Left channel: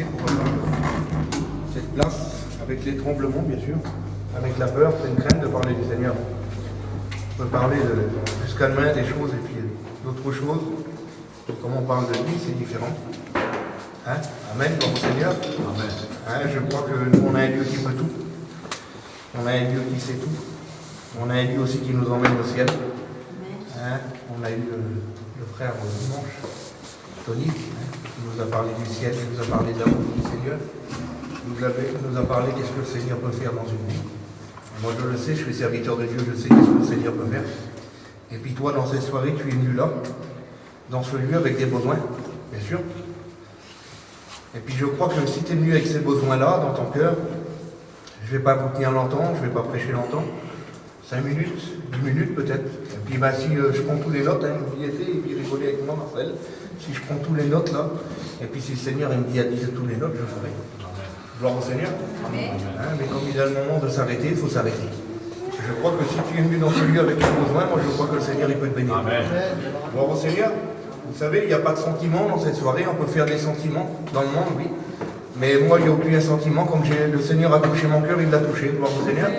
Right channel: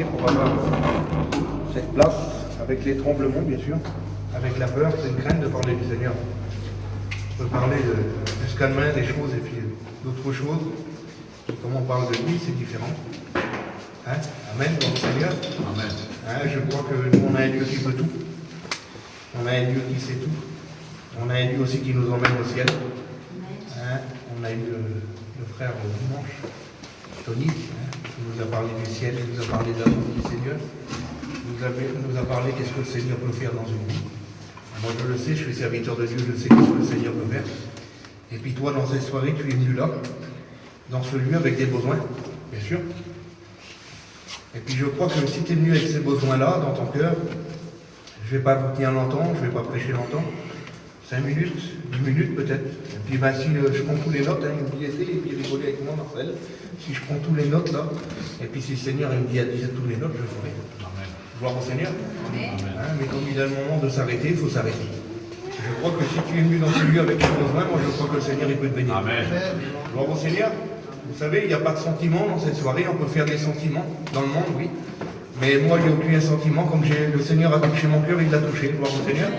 apporté pour avoir cette place, avec les tremblements bien sûr, avec la peur, c'est une crainte de parler du Seigneur. On peut parler jusqu'à demain des choses et puis d'autres choses. Comme on parle de lui, c'est différent. Hein? Amen, pour le Seigneur. Amen. Hein, je crois que nous, on a un Dieu qui peut tout. On a un Dieu qui sait tout. On a un Dieu aussi qui nous emmène au ciel. Hein? On a eu le frère dimanche, Tony, hein, qui nous a parlé du ciel, qui nous a parlé de l'amour du Seigneur. Nous a parlé qu'est-ce que le Seigneur peut faire dans une vie. Moi, je le sais, je suis serviteur de Dieu, je sais ce que le Seigneur peut faire. Et puis toi, dans cette soirée, tu es venu là, dans ce lieu, avec des besoins, bien sûr. Et puis je crois que si tu es venu avec ces besoins-là, dans ton cœur, je ne vais pas vous tenir longtemps, je ne vais pas prêcher longtemps. 5 minutes, 10 minutes peut-être. Et puis si je prends tous les notes, hein, n'oubliez et puis rigolez avec moi, Marcel. Si je prends tous les notes là, et puis si le Seigneur il me dit à dire tous les notes, je ferai. Gloire au Seigneur. Amen. Hein, mais comme il a le moment de s'arrêter, il faut s'arrêter. Je crois que si tu es venu dans ce lieu avec tes besoins, moi je crois que le Seigneur il peut te bénir. Amen. Gloire au Seigneur. Vous savez, il n'y a pas de sentiments dans cette soirée, on peut faire des sentiments dans le monde, oui. Mais moi, il n'y a aucun sentiment, comme le Seigneur a touché mon cœur, il l'a touché, gloire au Seigneur.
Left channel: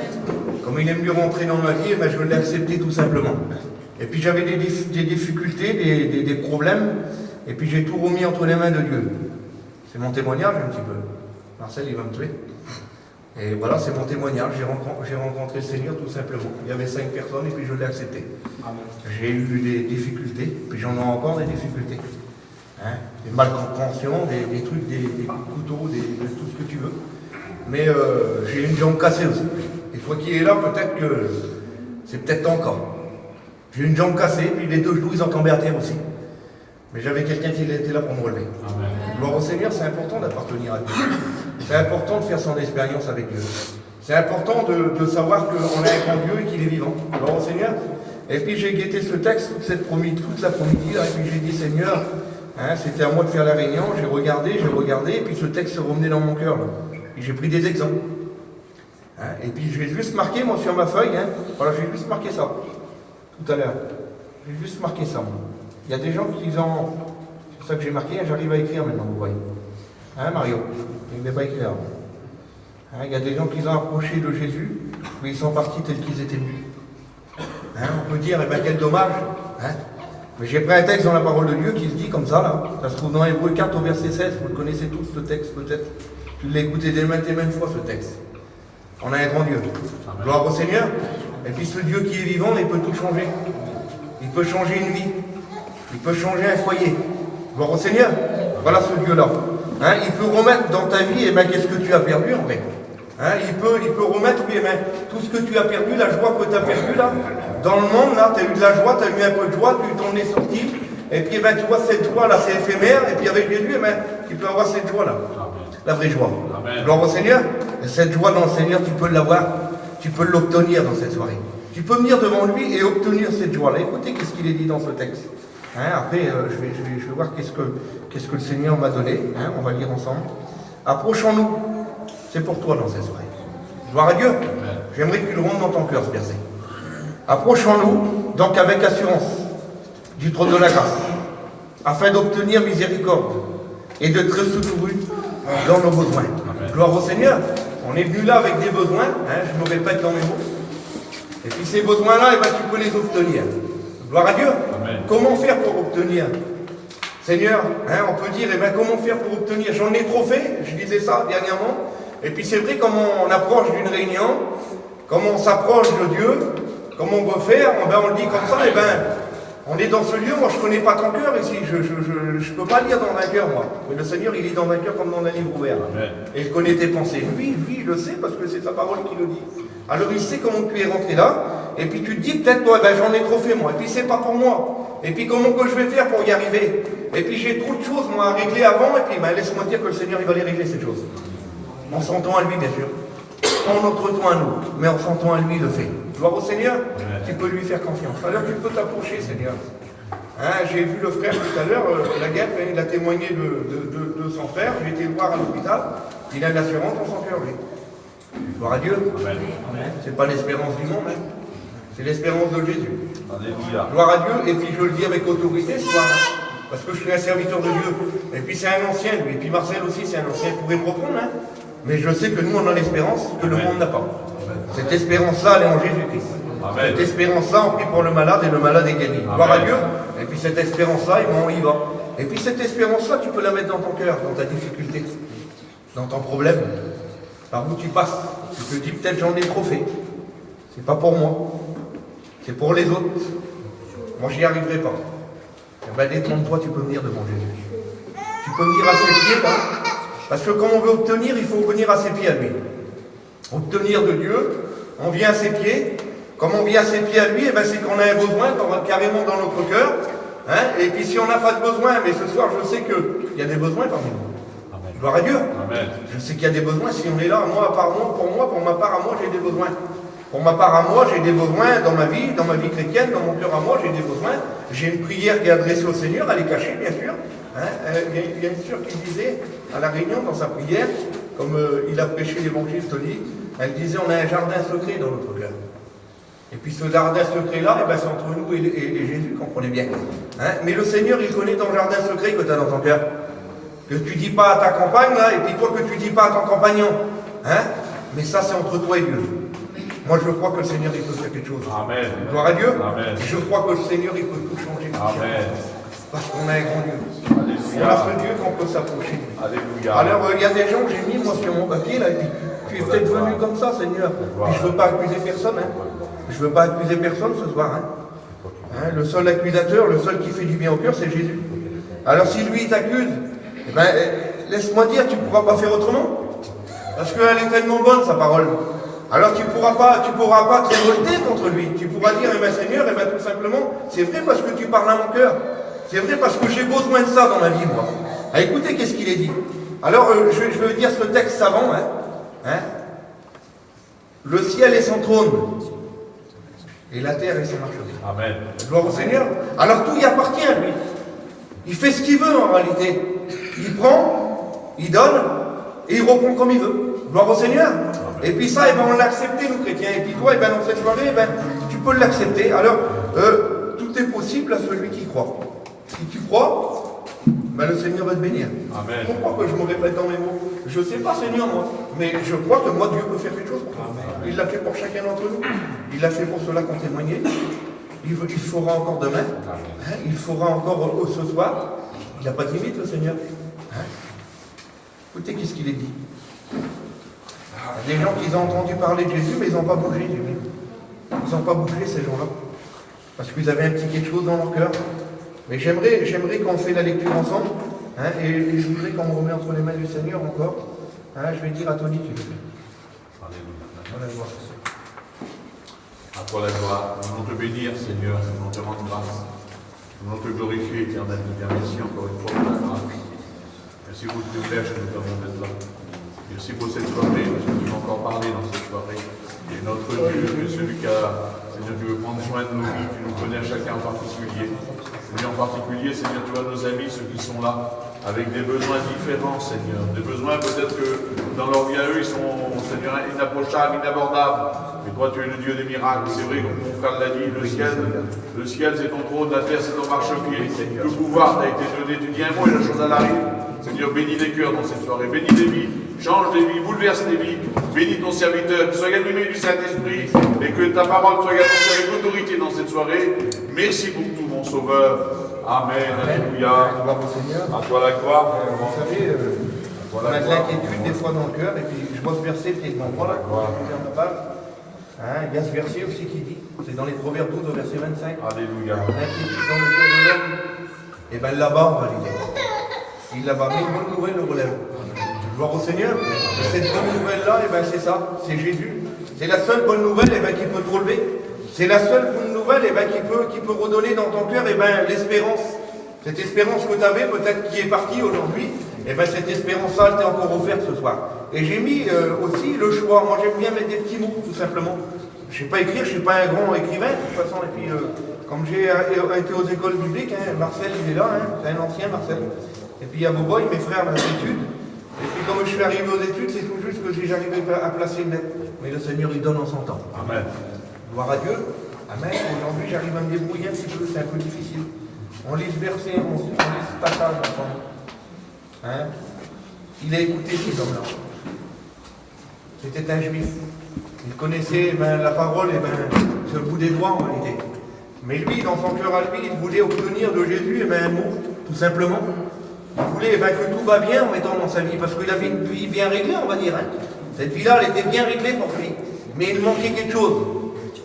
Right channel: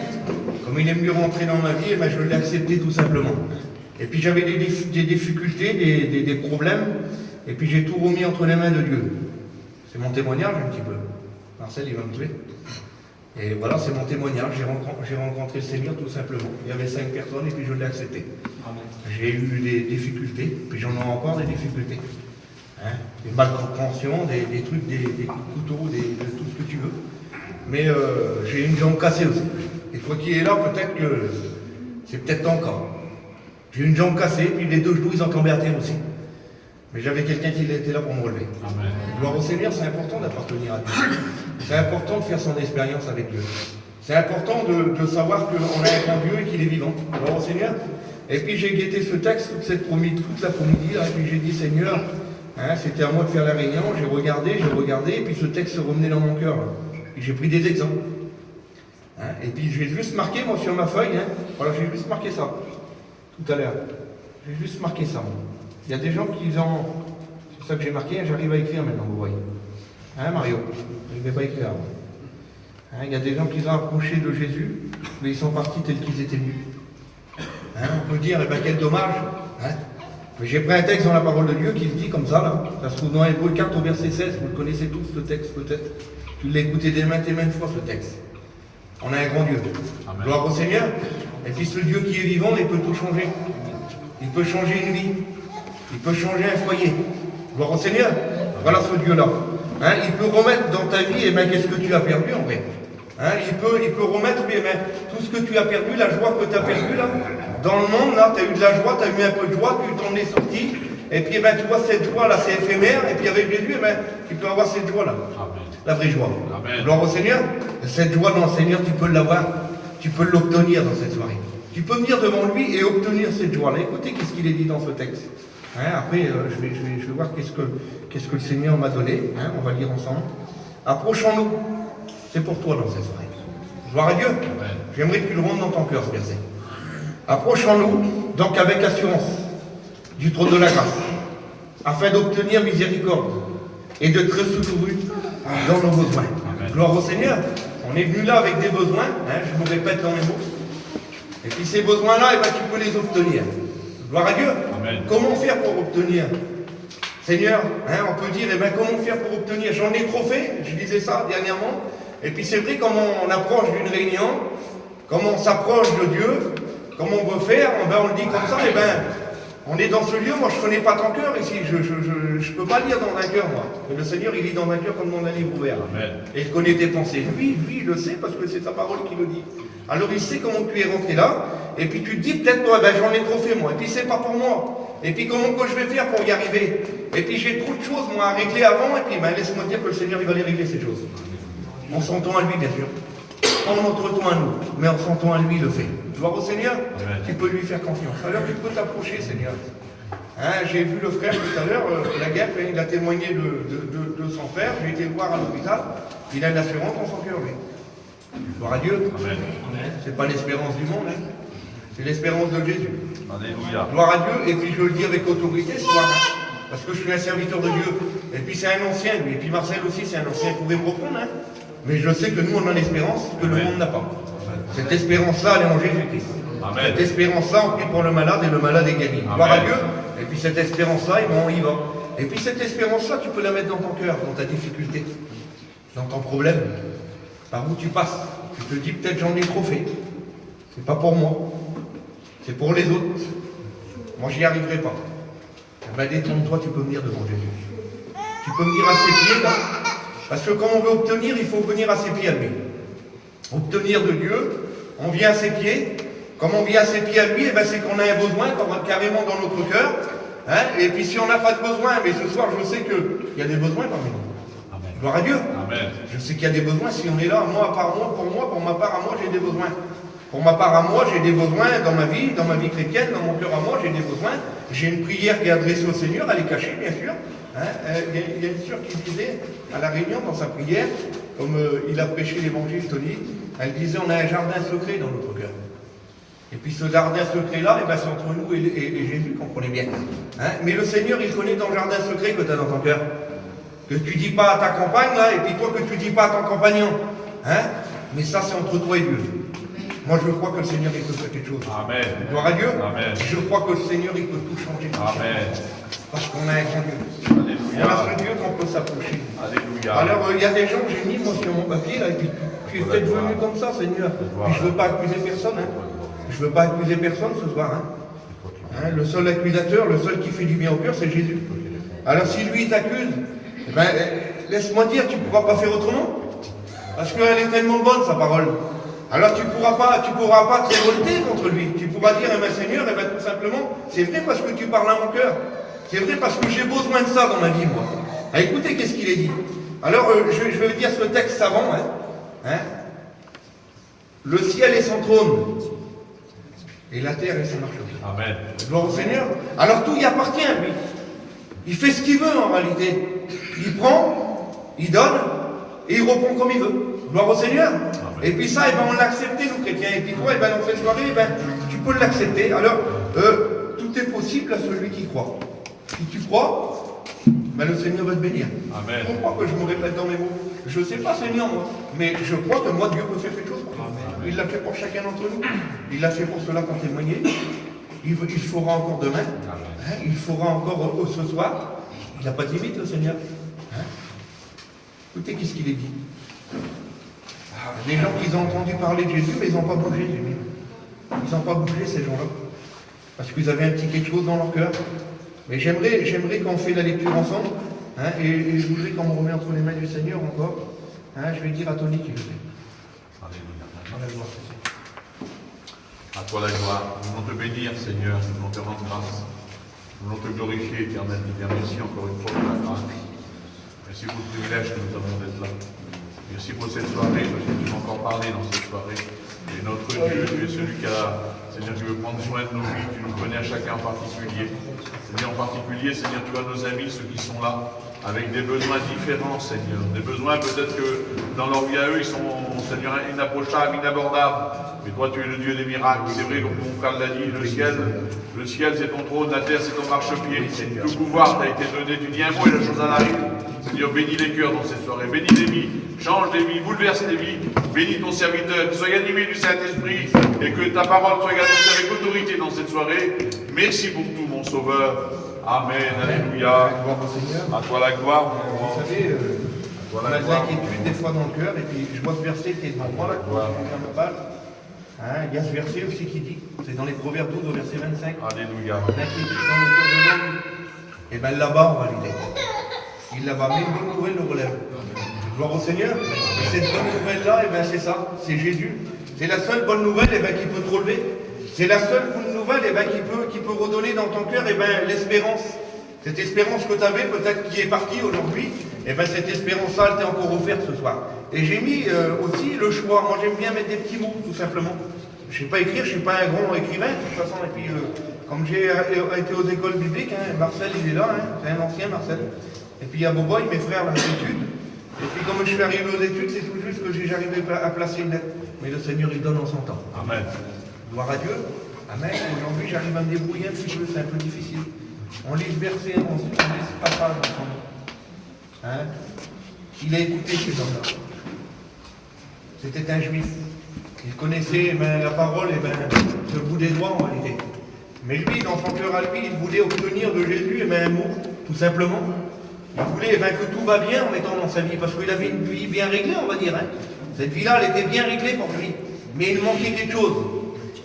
Comme il est venu rentrer dans ma vie, je l'ai accepté tout simplement. Et puis j'avais des difficultés, des problèmes, et puis j'ai tout remis entre les mains de Dieu. C'est mon témoignage un petit peu. Marcel, il va me tuer. Et voilà, c'est mon témoignage. J'ai rencontré le Seigneur tout simplement. Il y avait 5 personnes et puis je l'ai accepté. J'ai eu des difficultés, puis j'en ai encore des difficultés. Hein, des malcompréhensions, des trucs, des couteaux, de tout ce que tu veux. Mais j'ai une jambe cassée aussi. Et toi qui es là, peut-être que c'est peut-être ton cas. J'ai une jambe cassée, puis les 2 genoux, ils ont tombé à terre aussi. Mais j'avais quelqu'un qui était là pour me relever. Amen. Gloire au Seigneur, c'est important d'appartenir à Dieu. C'est important de faire son expérience avec Dieu. C'est important de savoir qu'on a un grand Dieu et qu'il est vivant. Gloire au Seigneur. Et puis j'ai guetté ce texte toute cette après-midi, et puis j'ai dit, Seigneur, hein, c'était à moi de faire la réunion, j'ai regardé, et puis ce texte se revenait dans mon cœur. Là. Et j'ai pris des exemples. Hein, et puis j'ai juste marqué, moi, sur ma feuille, hein, voilà, j'ai juste marqué ça, tout à l'heure. J'ai juste marqué ça. Il y a des gens qui ont... C'est ça que j'ai marqué, j'arrive à écrire maintenant, vous voyez. Hein, Mario? Il ne devait pas écrire. Hein, il y a des gens qui ont approché de Jésus, mais ils sont partis tels qu'ils étaient venus. Hein, on peut dire, eh bien, quel dommage. Hein, mais j'ai pris un texte dans la parole de Dieu qui le dit comme ça, là. Ça se trouve dans Hébreux 4 au verset 16. Vous le connaissez tous, ce texte, peut-être. Tu l'as écouté des maintes et maintes fois, ce texte. On a un grand Dieu. Amen. Gloire au Seigneur. Et puis ce Dieu qui est vivant, il peut tout changer. Il peut changer une vie. Il peut changer un foyer. Gloire au Seigneur. Voilà ce Dieu-là. Hein, il peut remettre dans ta vie, eh bien, qu'est-ce que tu as perdu, en fait. Hein, il peut remettre, eh bien, tout ce que tu as perdu, la joie que tu as perdue, là. Dans le monde, là, tu as eu de la joie, tu as eu un peu de joie, tu t'en es sorti. Et puis, eh bien, tu vois, cette joie-là, c'est éphémère. Et puis, avec Jésus, eh bien, tu peux avoir cette joie-là. La vraie joie. Amen. Gloire au Seigneur. Cette joie dans le Seigneur, tu peux l'avoir. Tu peux l'obtenir dans cette soirée. Tu peux venir devant lui et obtenir cette joie-là. Écoutez, qu'est-ce qu'il est dit dans ce texte. Hein, après, je vais voir qu'est-ce que le Seigneur m'a donné. Hein, on va lire ensemble. Approchons-nous. C'est pour toi dans cette soirée. Gloire à Dieu. Amen. J'aimerais que tu le rendes dans ton cœur, ce verset. Approchons-nous, donc avec assurance, du trône de la grâce, afin d'obtenir miséricorde et d'être secourus dans nos besoins. Amen. Gloire au Seigneur. On est venu là avec des besoins. Hein, je me répète dans mes mots. Et puis ces besoins-là, eh ben, tu peux les obtenir. Gloire à Dieu. Amen. Comment faire pour obtenir? Seigneur, hein, on peut dire, eh ben, comment faire pour obtenir? J'en ai trop fait, je disais ça dernièrement. Et puis c'est vrai, comme on approche d'une réunion, comme on s'approche de Dieu, comme on veut faire, ben, on le dit comme ça, et ben, on est dans ce lieu, moi je ne connais pas ton cœur ici, je ne peux pas lire dans un cœur, moi. Mais le Seigneur, il est dans un cœur comme dans un livre ouvert. Amen. Et il connaît tes pensées. Oui, je le sais, parce que c'est sa parole qui le dit. Alors il sait comment tu es rentré là, et puis tu te dis peut-être, toi, ben, j'en ai trop fait moi, et puis c'est pas pour moi. Et puis comment que je vais faire pour y arriver? Et puis j'ai trop de choses, moi, à régler avant, et puis ben, laisse-moi dire que le Seigneur, il va les régler ces choses. En sentant à lui, bien sûr. En notre temps à nous, mais en sentant à lui, il le fait. Gloire au Seigneur. Amen. Tu peux lui faire confiance. Alors tu peux t'approcher, Seigneur. Hein, j'ai vu le frère tout à l'heure, la guerre, il a témoigné de son frère. J'ai été le voir à l'hôpital. Il a de l'assurance dans son cœur, lui. Gloire à Dieu. Amen. C'est pas l'espérance du monde, hein. C'est l'espérance de Jésus. Alléluia. Gloire à Dieu. Et puis je le dis avec autorité ce soir. parce que je suis un serviteur de Dieu. Et puis c'est un ancien, lui. Et puis Marcel aussi, c'est un ancien. Vous pouvez me reprendre, hein. Mais je sais que nous, on a l'espérance que le monde n'a pas. Cette espérance-là, elle est en Jésus-Christ. Cette espérance-là, on prie pour le malade et le malade est guéri. Gloire à Dieu. Et puis cette espérance-là, on y va. Et puis cette espérance-là, tu peux la mettre dans ton cœur, dans ta difficulté, dans ton problème, par où tu passes. Tu te dis peut-être j'en ai trop fait. C'est pas pour moi. C'est pour les autres. Moi, j'y arriverai pas. Eh bien, détrompe-toi, tu peux venir devant Jésus. Tu peux venir à ses pieds, là. Parce que quand on veut obtenir, il faut venir à ses pieds à lui. Obtenir de Dieu, on vient à ses pieds. Comme on vient à ses pieds à lui, eh ben, c'est qu'on a un besoin carrément dans notre cœur. Hein. Et puis si on n'a pas de besoin, mais ce soir, je sais qu'il y a des besoins parmi nous. Amen. Gloire à Dieu. Amen. Je sais qu'il y a des besoins. Si on est là, moi, pour ma part à moi, j'ai des besoins. Pour ma part à moi, j'ai des besoins dans ma vie chrétienne, dans mon cœur à moi, j'ai des besoins. J'ai une prière qui est adressée au Seigneur, elle est cachée, bien sûr. Hein. Il y a une sœur qui disait, à la réunion, dans sa prière, comme il a prêché l'évangile, Tony, elle disait, on a un jardin secret dans notre cœur. Et puis ce jardin secret-là, eh ben, c'est entre nous et Jésus, comprenez bien. Hein. Mais le Seigneur, il connaît ton jardin secret que tu as dans ton cœur. Que tu dis pas à ta compagne, là, et puis toi que tu dis pas à ton compagnon. Hein. Mais ça, c'est entre toi et Dieu. Moi, je crois que le Seigneur, il peut faire quelque chose. Amen. Gloire à Dieu. Amen. Je crois que le Seigneur, il peut tout changer. Amen. Parce qu'on a un grand Dieu. Alléluia. On a ce Dieu qu'on peut s'approcher. Alléluia. Alors, il y a des gens que j'ai mis, moi, sur mon papier, là, et puis tu es peut-être venu comme ça, Seigneur. Puis je ne veux pas accuser personne, hein. Je ne veux pas accuser personne ce soir, hein. Hein, le seul accusateur, le seul qui fait du bien au cœur, c'est Jésus. Alors, si lui, il t'accuse, eh ben, laisse-moi dire, tu ne pourras pas faire autrement. Parce qu'elle est tellement bonne, sa parole. Alors tu pourras pas te révolter contre lui. Tu pourras dire, eh bien Seigneur, eh bien tout simplement, c'est vrai parce que tu parles à mon cœur. C'est vrai parce que j'ai besoin de ça dans ma vie, moi. Ah, écoutez, qu'est-ce qu'il est dit. Alors, je vais dire ce texte savant. Hein. Le ciel est son trône. Et la terre est sa marcherie. Amen. Gloire au Seigneur. Alors tout y appartient à lui. Il fait ce qu'il veut en réalité. Il prend, il donne, et il répond comme il veut. Gloire au Seigneur. Amen. Et puis ça, eh ben, on l'a accepté, nous chrétiens. Et puis toi, eh ben, dans cette soirée, eh ben, tu peux l'accepter. Alors, tout est possible à celui qui croit. Si tu crois, ben, le Seigneur va te bénir. Amen. Je crois que je me répète dans mes mots. Je ne sais pas, Seigneur, moi. Mais je crois que moi, Dieu peut faire quelque chose pour toi. Il l'a fait pour chacun d'entre nous. Il l'a fait pour ceux-là qui ont témoigné. Il fera encore demain. Hein, il fera encore ce soir. Il n'a pas de limite, le Seigneur. Hein. Écoutez, qu'est-ce qu'il est dit. Des gens qui ont entendu parler de Jésus, mais ils n'ont pas bougé. Ils n'ont pas bougé, ces gens-là. Parce qu'ils avaient un petit quelque chose dans leur cœur. Mais j'aimerais qu'on fait la lecture ensemble. Hein, et je voudrais qu'on me remet entre les mains du Seigneur encore. Hein, je vais dire à Tony qui le fait. Alléluia. À toi la gloire. Nous voulons te bénir, Seigneur. Nous voulons te rendre grâce. Nous voulons te glorifier, éternel. Merci encore une fois pour la grâce. Merci pour le privilège que nous avons d'être là. Merci pour cette soirée, parce que nous avons encore parlé dans cette soirée. Et notre Dieu, tu es celui qui a, Seigneur, tu veux prendre soin de nos vies, tu nous connais à chacun en particulier. Seigneur, en particulier, Seigneur, tu vois nos amis, ceux qui sont là, avec des besoins différents, Seigneur. Des besoins peut-être que dans leur vie à eux, ils sont, Seigneur, inapprochables, inabordables. Mais toi, tu es le Dieu des miracles. C'est vrai, comme mon frère l'a dit, le ciel c'est ton trône, la terre c'est ton marchepied. Le pouvoir t'a été donné, tu dis un mot et la chose à l'arrivée. Seigneur, bénis les cœurs dans cette soirée, bénis les vies, change les vies, bouleverse les vies, bénis ton serviteur, qu'il soit animé du Saint-Esprit et que ta parole soit annoncée avec autorité dans cette soirée. Merci pour tout, mon Sauveur. Amen, alléluia. Gloire au Seigneur. À toi la gloire. Vous savez, on a de l'inquiétude des fois dans le cœur, et puis je vois ce verset qui est devant moi, là, hein, il y a ce verset aussi qui dit, c'est dans les Proverbes 12 au verset 25. Alléluia. L'inquiétude dans le cœur de l'homme, et bien là-bas on va l'aider. Il là-bas, mais une bonne nouvelle le relève. Gloire au Seigneur. Et cette bonne nouvelle-là, et ben c'est ça, c'est Jésus. C'est la seule bonne nouvelle, et ben qui peut te relever. C'est la seule bonne nouvelle, et ben qui peut redonner dans ton cœur, et ben l'espérance. Cette espérance que tu avais, peut-être qui est partie aujourd'hui, et ben cette espérance-là, elle t'est encore offerte ce soir. Et j'ai mis aussi le choix. Moi, j'aime bien mettre des petits mots, tout simplement. Je ne sais pas écrire, je ne suis pas un grand écrivain, de toute façon. Et puis, comme j'ai été aux écoles bibliques, hein, Marcel, il est là, hein, c'est un ancien, Marcel. Et puis, il y a Boboy, mes frères, dans les études. Et puis, comme je suis arrivé aux études, c'est tout juste que j'arrivé à placer une lettre. Mais le Seigneur, il donne en son temps. Amen. Gloire à Dieu. Amen. Aujourd'hui, j'arrive à me débrouiller un petit peu, c'est un peu difficile. On lit ce verset, on lit ce passage ensemble. Hein? Il a écouté ces hommes-là. C'était un juif. Il connaissait la parole sur le bout des doigts en réalité. Mais lui, dans son cœur à lui, il voulait obtenir de Jésus un mot, tout simplement. Il voulait que tout va bien en mettant dans sa vie, parce qu'il avait une vie bien réglée, on va dire. Hein. Cette vie-là, elle était bien réglée pour lui. Mais il manquait quelque chose.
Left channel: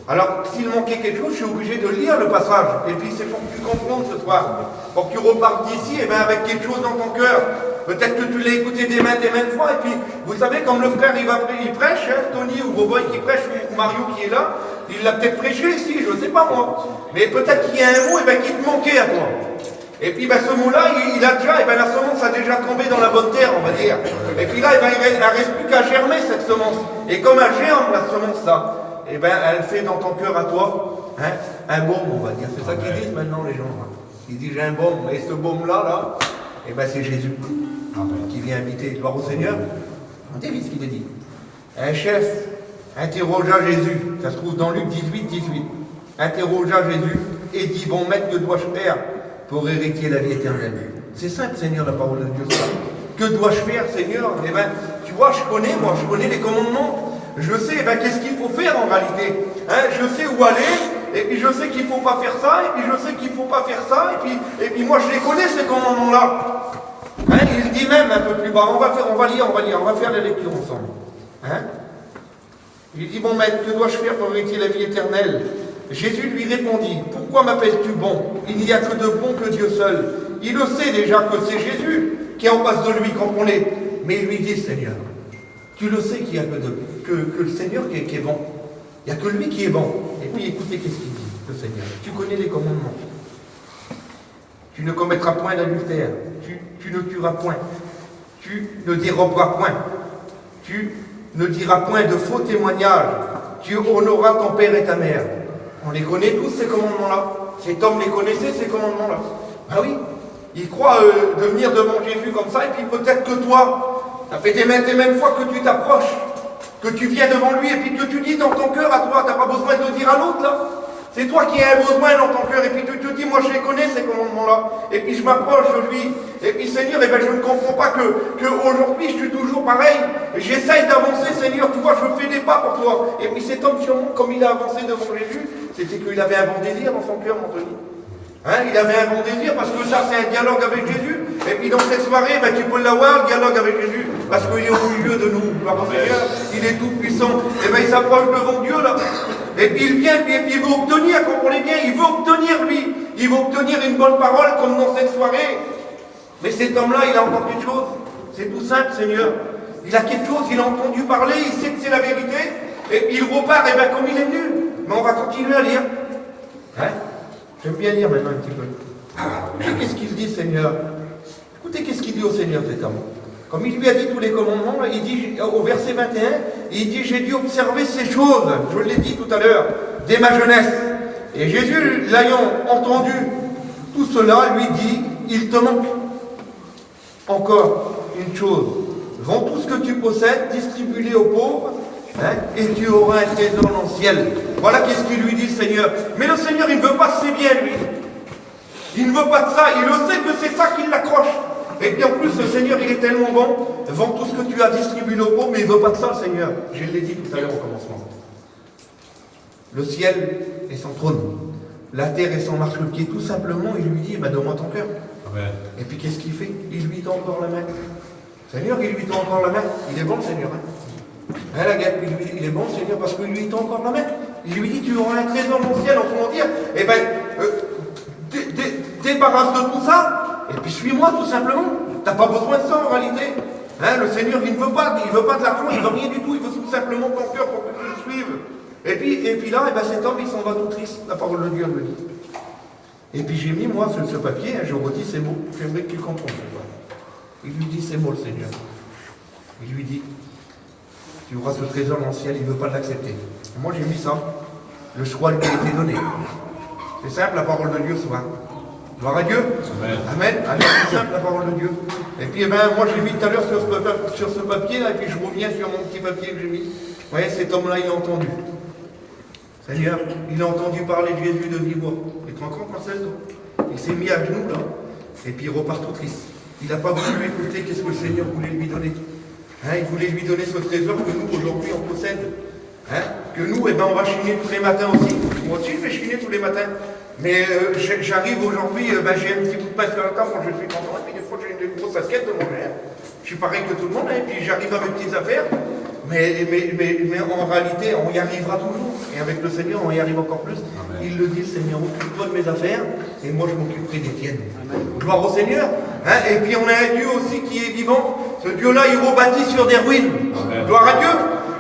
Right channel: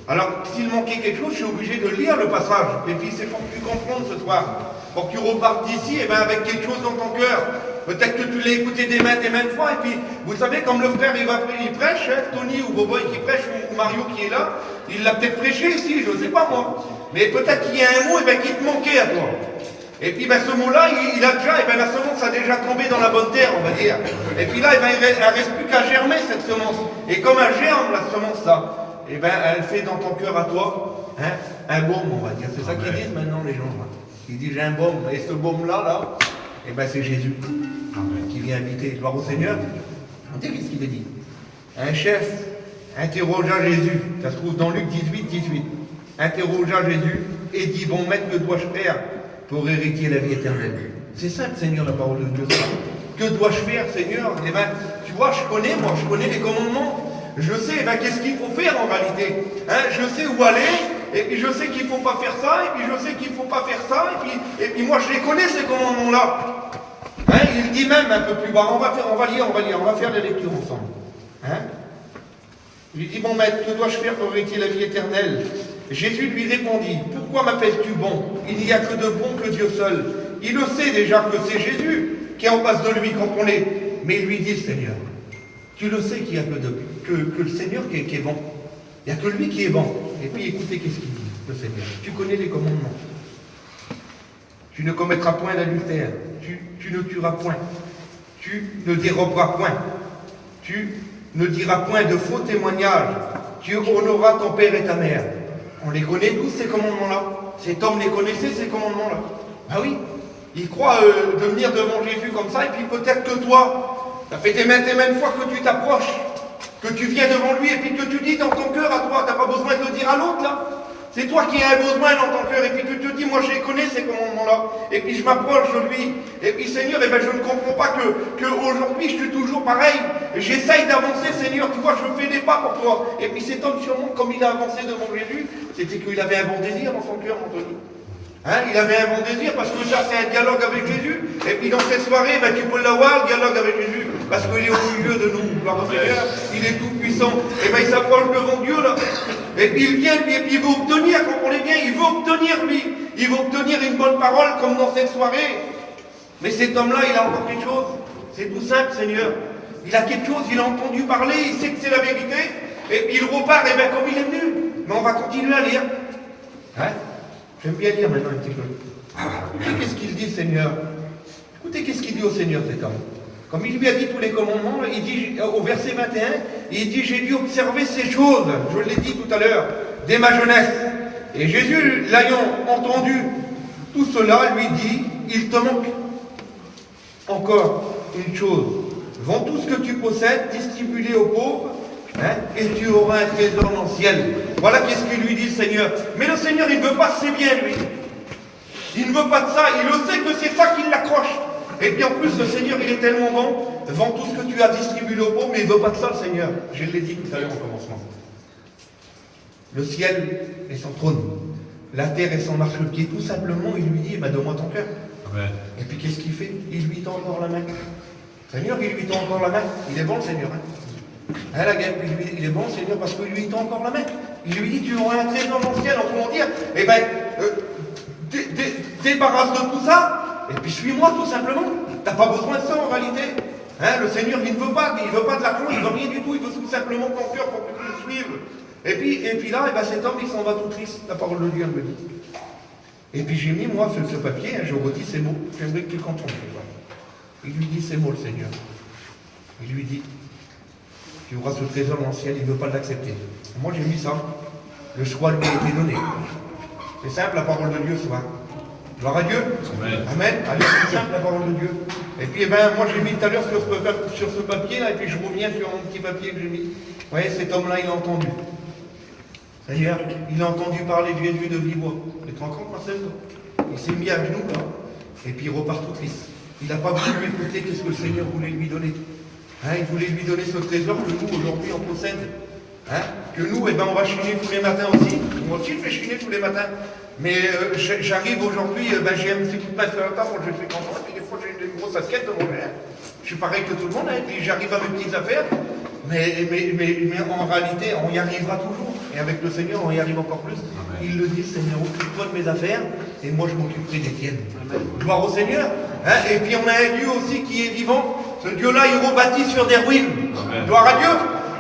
Alors, s'il manquait quelque chose, je suis obligé de lire le passage. Et puis, c'est pour que tu comprennes ce soir. Pour que tu repartes d'ici avec quelque chose dans ton cœur. Peut-être que tu l'as écouté des maintes fois. Et puis, vous savez, comme le frère, il prêche, hein, Tony ou Boboy qui prêche, ou Mario qui est là, il l'a peut-être prêché ici, je ne sais pas moi. Mais peut-être qu'il y a un mot qui te manquait à toi. Et puis ce mot-là, il a déjà, la semence a déjà tombé dans la bonne terre, on va dire. Et puis là, il ne reste plus qu'à germer cette semence. Et comme elle germe, la semence-là, elle fait dans ton cœur à toi un baume, on va dire. C'est ça qu'ils disent maintenant les gens. Hein. Ils disent j'ai un baume. Et ce baume-là, c'est Jésus qui vient habiter. Gloire au Seigneur. Vous savez ce qu'il veut dire. Un chef interrogea Jésus. Ça se trouve dans Luc 18. Interrogea Jésus et dit bon maître, que dois-je faire pour hériter la vie éternelle? C'est simple, Seigneur, la parole de Dieu. Que dois-je faire, Seigneur? Tu vois, je connais les commandements. Je sais qu'est-ce qu'il faut faire en réalité. Je sais où aller, et puis je sais qu'il ne faut pas faire ça, et puis je sais qu'il ne faut pas faire ça, et puis moi je les connais ces commandements-là. Il dit même un peu plus bas, on va lire, on va faire la lecture ensemble. Il dit, bon maître, que dois-je faire pour hériter la vie éternelle? Jésus lui répondit, pourquoi m'appelles-tu bon? Il n'y a que de bon que Dieu seul. Il le sait déjà que c'est Jésus qui est en face de lui quand on est. Mais il lui dit, Seigneur, tu le sais qu'il n'y a que le Seigneur qui est bon. Il n'y a que lui qui est bon. Et puis écoutez qu'est-ce qu'il dit, le Seigneur. Tu connais les commandements. Tu ne commettras point d'adultère. Tu ne tueras point. Tu ne déroberas point. Tu ne diras point de faux témoignages. Tu honoreras ton père et ta mère. On les connaît tous ces commandements-là. Cet homme les connaissait, ces commandements-là. Ah oui, il croit de venir devant Jésus comme ça, et puis peut-être que toi, ça fait des maintes fois que tu t'approches, que tu viens devant lui, et puis que tu dis dans ton cœur à toi, tu n'as pas besoin de le dire à l'autre, là. C'est toi qui as un besoin dans ton cœur, et puis tu te dis, moi je les connais ces commandements-là, et puis je m'approche de lui, et puis Seigneur, je ne comprends pas que aujourd'hui je suis toujours pareil, j'essaye d'avancer, Seigneur, tu vois, je fais des pas pour toi. Et puis cet homme, sûrement, comme il a avancé devant Jésus, c'était qu'il avait un bon désir dans son cœur, Anthony. Il avait un bon désir, parce que ça c'est un dialogue avec Jésus, et puis dans cette soirée, tu peux l'avoir, le dialogue avec Jésus, parce qu'il est au milieu de nous, gloire au Seigneur, il est tout puissant, et il s'approche devant Dieu là, et puis il vient, lui, et puis il veut obtenir, comprenez bien, il veut obtenir lui, il veut obtenir une bonne parole, comme dans cette soirée, mais cet homme-là, il a encore quelque chose, c'est tout simple, Seigneur, il a quelque chose, il a entendu parler, il sait que c'est la vérité, et il repart, comme il est venu, mais on va continuer à lire, J'aime bien lire maintenant un petit peu. Écoutez qu'est-ce qu'il dit, Seigneur. Écoutez qu'est-ce qu'il dit au Seigneur, cet homme. Comme il lui a dit tous les commandements, il dit au verset 21, il dit, j'ai dû observer ces choses, je l'ai dit tout à l'heure, dès ma jeunesse. Et Jésus, l'ayant entendu tout cela, lui dit, il te manque encore une chose. Vends tout ce que tu possèdes, distribue-les aux pauvres, et tu auras un trésor dans le ciel. Voilà qu'est-ce qu'il lui dit, Seigneur. Mais le Seigneur, il ne veut pas de ses biens, lui. Il ne veut pas de ça. Il le sait que c'est ça qui l'accroche. Et puis en plus, le Seigneur, il est tellement bon. Vends tout ce que tu as, distribué aux pauvres, mais il ne veut pas de ça, le Seigneur. Je l'ai dit tout à l'heure au commencement. Le ciel est son trône. La terre est son marchepied. Tout simplement, il lui dit, donne-moi ton cœur. Amen. Et puis qu'est-ce qu'il fait? Il lui tend encore la main. Seigneur, il lui tend encore la main. Il est bon, le Seigneur. La guerre, il est bon, Seigneur, parce qu'il lui tend encore la main. Il lui dit, tu auras un trésor dans le ciel, autrement dire, débarrasse de tout ça, et puis suis-moi tout simplement. Tu n'as pas besoin de ça en réalité. Le Seigneur, il ne veut pas de l'argent, il ne veut rien du tout, il veut tout simplement ton cœur pour que tu le suives. Et puis là, cet homme, il s'en va tout triste, la parole de Dieu me dit. Et puis j'ai mis, moi, sur ce papier, je redis ces mots, j'aimerais qu'il comprenne. Il lui dit ces mots, le Seigneur. Il lui dit, tu auras ce trésor dans le ciel, il ne veut pas l'accepter. Moi j'ai mis ça. Le choix lui a été donné. C'est simple la parole de Dieu souvent. Gloire à Dieu. Amen. Allez, c'est simple la parole de Dieu. Et puis moi j'ai mis tout à l'heure sur ce papier, là, et puis je reviens sur mon petit papier que j'ai mis. Vous voyez, cet homme-là, il a entendu. Seigneur, il a entendu parler de Jésus de vive voix. Il est encore Marcel, toi? il s'est mis à genoux là, et puis il repart tout triste. Il n'a pas voulu écouter qu'est-ce que le Seigneur voulait lui donner. Il voulait lui donner ce trésor que nous, aujourd'hui, on possède. Que nous, on va chiner tous les matins aussi. Moi aussi, je vais chiner tous les matins. Mais j'arrive aujourd'hui, j'ai un petit coup de main sur le temps, moi je suis content, et puis des fois j'ai une grosse assiette de manger. Je suis pareil que tout le monde, et puis j'arrive à mes petites affaires. Mais en réalité, on y arrivera toujours. Et avec le Seigneur, on y arrive encore plus. Il le dit, Seigneur, occupe-toi de mes affaires, et moi je m'occuperai des tiennes. Gloire au Seigneur. Et puis on a un Dieu aussi qui est vivant. Ce Dieu-là, il rebâtit sur des ruines. Amen. Gloire à Dieu.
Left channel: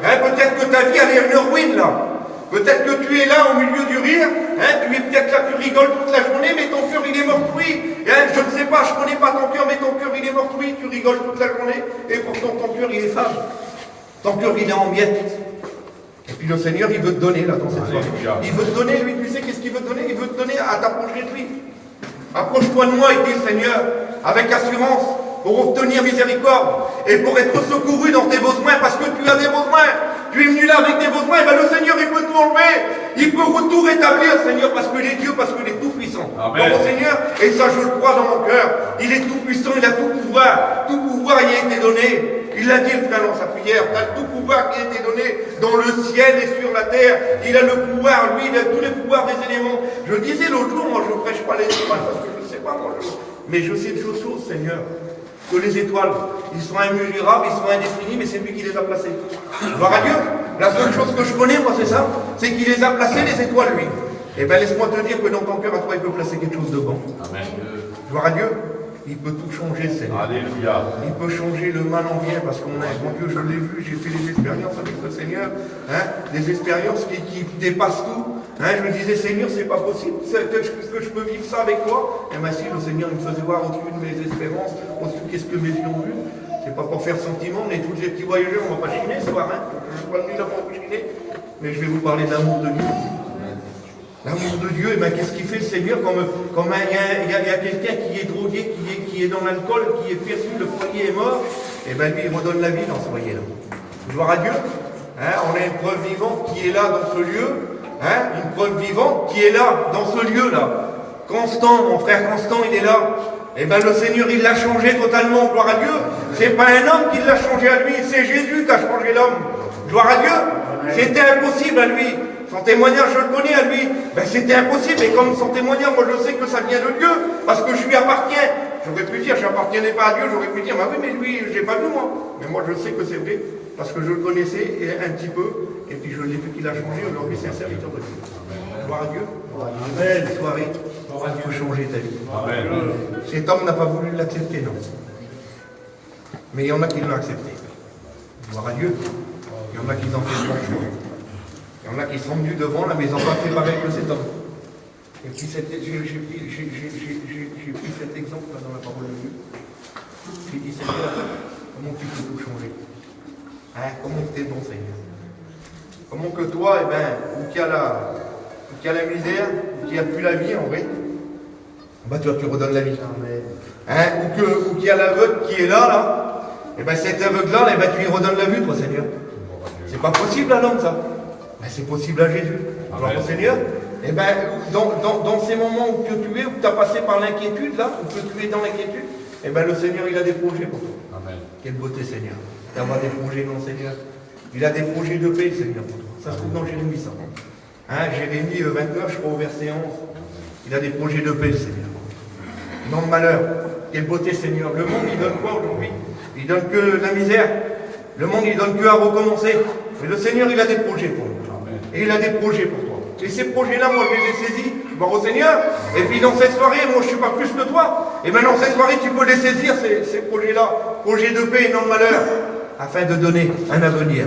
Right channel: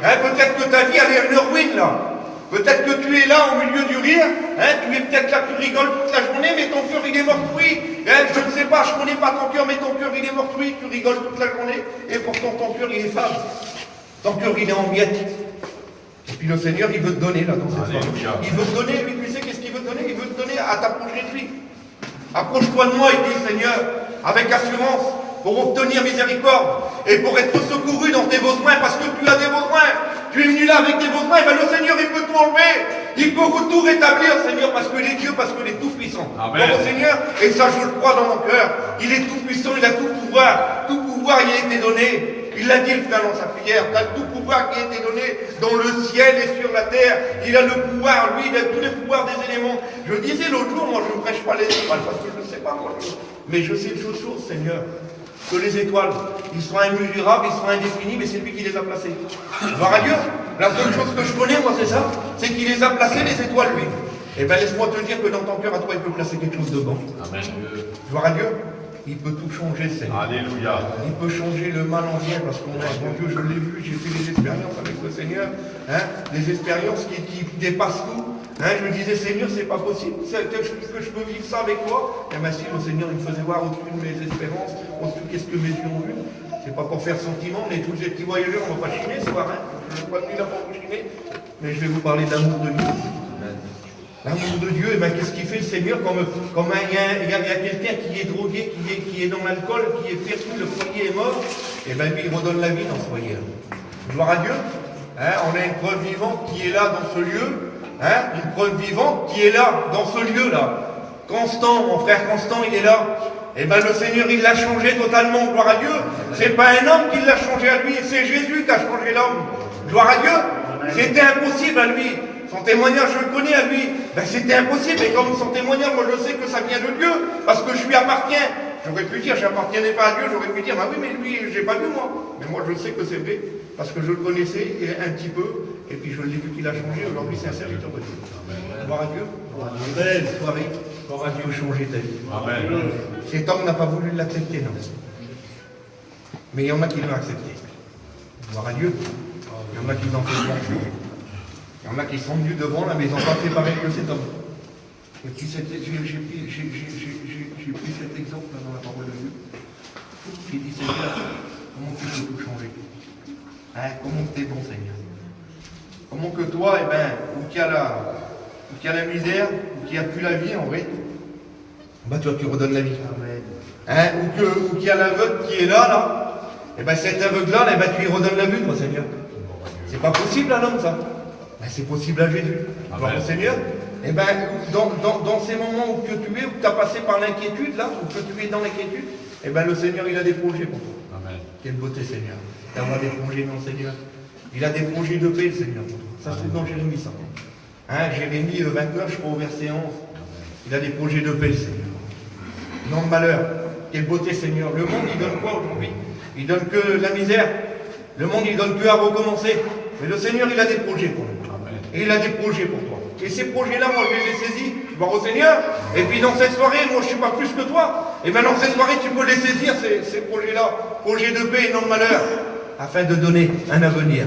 Peut-être que ta vie, elle est une ruine là. Peut-être que tu es là au milieu du rire, tu es peut-être là, tu rigoles toute la journée, mais ton cœur il est meurtri. Je ne sais pas, je ne connais pas ton cœur, mais ton cœur il est meurtri, tu rigoles toute la journée, et pourtant ton cœur il est fâche. Ton cœur il est en miettes. Et puis le Seigneur il veut te donner là dans cette soirée. Il veut te donner, lui, tu sais qu'est-ce qu'il veut te donner? Il veut te donner à t'approcher de lui. Approche-toi de moi, il dit le Seigneur, avec assurance, pour obtenir miséricorde et pour être secouru dans tes besoins, parce que tu as des besoins. Tu es venu là avec tes besoins, le Seigneur, il peut tout enlever. Il peut tout rétablir, Seigneur, parce qu'il est Dieu, parce qu'il est tout puissant. Amen. Bon, Seigneur, et ça je le crois dans mon cœur. Il est tout puissant, il a tout pouvoir. Tout pouvoir y a été donné. Il l'a dit le frère dans sa prière. Il a tout pouvoir qui a été donné dans le ciel et sur la terre. Il a le pouvoir, lui, il a tous les pouvoirs des éléments. Je disais l'autre jour, moi je ne prêche pas les étoiles, parce que je ne sais pas, moi, mais je sais une chose, Seigneur. Que les étoiles, ils sont immesurables, ils sont indéfinis, mais c'est lui qui les a placées. Gloire à Dieu. La seule chose que je connais, moi, c'est ça, c'est qu'il les a placées, les étoiles, lui. Eh bien, laisse-moi te dire que dans ton cœur, à toi, il peut placer quelque chose de bon. Amen. Gloire à Dieu. Il peut tout changer, Seigneur. Alléluia. Il peut changer le mal en bien, parce qu'on a un bon Dieu, je l'ai vu, j'ai fait des expériences avec le Seigneur, des expériences qui dépassent tout. Je disais, Seigneur, c'est pas possible que je peux vivre ça avec toi. Et bien si le Seigneur il me faisait voir au-dessus de mes espérances, au-dessus qu'est-ce que mes yeux ont vu. C'est pas pour faire sentiment, mais tous les petits voyageurs, on va pas chiner ce soir. Je ne suis pas venu là pour vous chiner, mais je vais vous parler d'amour de Dieu. L'amour de Dieu, et bien qu'est-ce qu'il fait le Seigneur comme il y a quelqu'un qui est drogué, qui est dans l'alcool, qui est perdu, le foyer est mort, et bien lui il redonne la vie dans ce foyer-là. Gloire à Dieu. On a une preuve vivante qui est là dans ce lieu. Une preuve vivante qui est là, dans ce lieu-là. Constant, mon frère Constant, il est là. Et bien le Seigneur, il l'a changé totalement, gloire à Dieu. C'est pas un homme qui l'a changé à lui, c'est Jésus qui a changé l'homme. Gloire à Dieu. C'était impossible à lui. Son témoignage, je le connais à lui. C'était impossible, et comme son témoignage, moi je sais que ça vient de Dieu, parce que je lui appartiens. J'aurais pu dire, je n'appartenais pas à Dieu, j'aurais pu dire, bah oui, mais lui, je l'ai pas vu moi. Mais moi je sais que c'est vrai, parce que je le connaissais un petit peu. Et puis je l'ai vu qu'il a changé, aujourd'hui c'est un serviteur de Dieu. Gloire à Dieu. Belle soirée. Gloire à Dieu, changer ta vie. Amen. Cet homme n'a pas voulu l'accepter, non. Mais il y en a qui l'ont accepté. Gloire à Dieu. Il y en a qui l'ont fait blanchir. Il y en a qui sont venus devant là, mais ils n'ont pas fait pareil que cet homme. Et puis j'ai pris cet exemple là dans la parole de Dieu. Il dit, Seigneur, comment tu peux tout changer? Comment tu es bon, Seigneur? Comment que toi, où qu'il y a la misère, où qu'il n'y a plus la vie en vrai, tu redonnes la vie. Amen. Où qu'il y a l'aveugle qui est là, cet aveugle-là, tu lui redonnes la vue, toi, Seigneur. C'est pas possible à l'homme, ça. C'est possible à Jésus. Alors, mon Seigneur, dans ces moments où que tu es, où tu as passé par l'inquiétude, là, où que tu es dans l'inquiétude, le Seigneur, il a des projets pour toi. Amen. Quelle beauté, Seigneur. D'avoir des projets, mon Seigneur. Il a des projets de paix, Seigneur. Ça se trouve dans Jérémie, ça. Jérémie 29, je crois, au verset 11. Il a des projets de paix, Seigneur. Non de malheur. Quelle beauté, Seigneur. Le monde, il donne quoi aujourd'hui? Il donne que la misère. Le monde, il donne que à recommencer. Mais le Seigneur, il a des projets pour nous. Et il a des projets pour toi. Et ces projets-là, moi, je les ai saisis. Bon, au Seigneur. Et puis dans cette soirée, moi, je ne suis pas plus que toi. Et bien, dans cette soirée, tu peux les saisir, ces projets-là. Projets de paix et non de malheur. Afin de donner un avenir.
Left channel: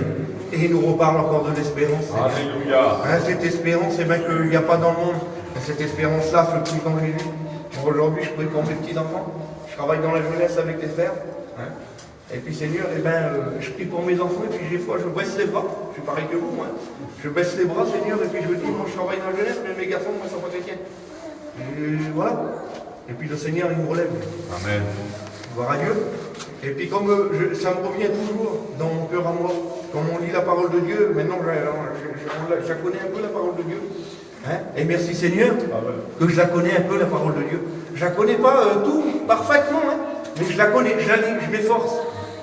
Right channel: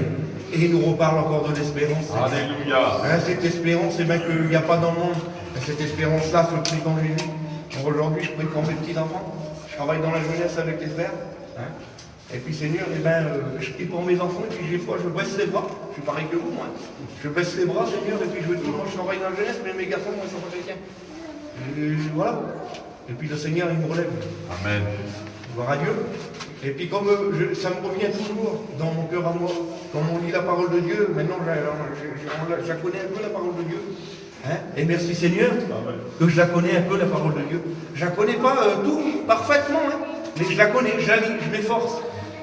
Et il nous reparle encore de l'espérance. Alléluia. Cette espérance, qu'il n'y a pas dans le monde. Et cette espérance-là se trouve dans Jésus. Aujourd'hui, je prie pour mes petits-enfants. Je travaille dans la jeunesse avec les frères. Et puis, Seigneur, je prie pour mes enfants. Et puis, des fois, je baisse les bras. Je suis pareil que vous, moi. Je baisse les bras, Seigneur. Et puis, je dis, moi, je travaille dans la jeunesse, mais mes garçons, moi, sont pas chrétiens. Et voilà. Et puis, le Seigneur, il me relève. Amen. Gloire à Dieu. Et puis comme ça me revient toujours dans mon cœur à moi, quand on lit la parole de Dieu, maintenant je connais un peu la parole de Dieu. Et merci Seigneur que je la connais un peu la parole de Dieu. Je la connais pas tout parfaitement, hein, mais je la connais, je la lis, je m'efforce.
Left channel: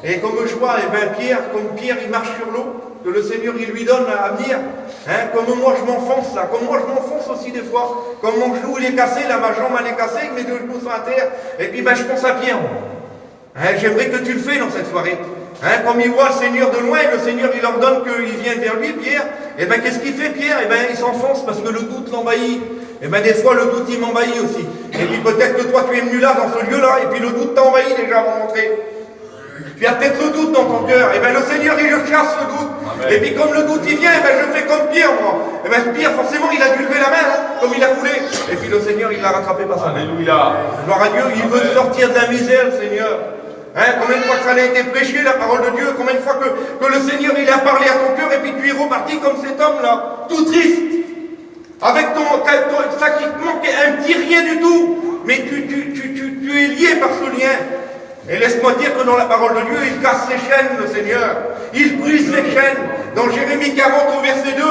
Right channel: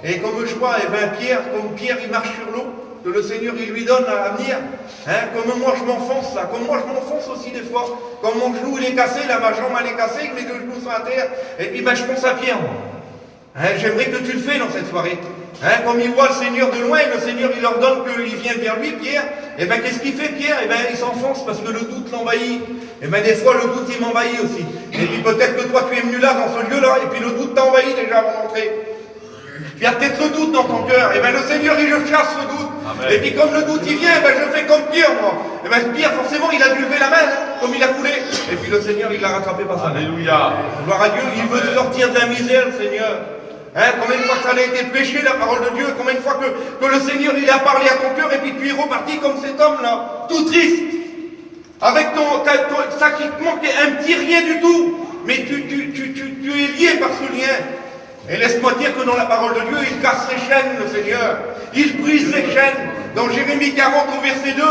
Et comme je vois, Pierre, comme Pierre il marche sur l'eau, que le Seigneur il lui donne à venir, hein, comme moi je m'enfonce là, comme moi je m'enfonce aussi des fois, comme mon genou il est cassé, là ma jambe elle est cassée, que les deux genoux sont à terre, et puis je pense à Pierre. Hein, j'aimerais que tu le fais dans cette soirée. Hein, comme il voit le Seigneur de loin, le Seigneur il ordonne qu'il vient vers lui, Pierre, et bien qu'est-ce qu'il fait Pierre? Et bien il s'enfonce parce que le doute l'envahit. Et bien des fois le doute il m'envahit aussi. Et puis peut-être que toi tu es venu là dans ce lieu-là, et puis le doute t'envahit déjà avant d'entrer. Tu as peut-être le doute dans ton cœur, et bien le Seigneur il le chasse le doute. Amen. Et puis comme le doute il vient, et bien je fais comme Pierre moi. Et bien Pierre forcément il a dû lever la main, hein, comme il a coulé. Et puis le Seigneur il l'a rattrapé par sa main. Alléluia. Gloire à Dieu, il veut te sortir de la misère, le Seigneur. Hein, combien de fois que ça a été prêché la parole de Dieu, combien de fois que le Seigneur il a parlé à ton cœur et puis tu es reparti comme cet homme-là, tout triste, avec ça qui te manque un petit rien du tout, mais tu es lié par ce lien. Et laisse-moi dire que dans la parole de Dieu, il casse les chaînes, le Seigneur. Il brise les chaînes. Dans Jérémie 40 au verset 2,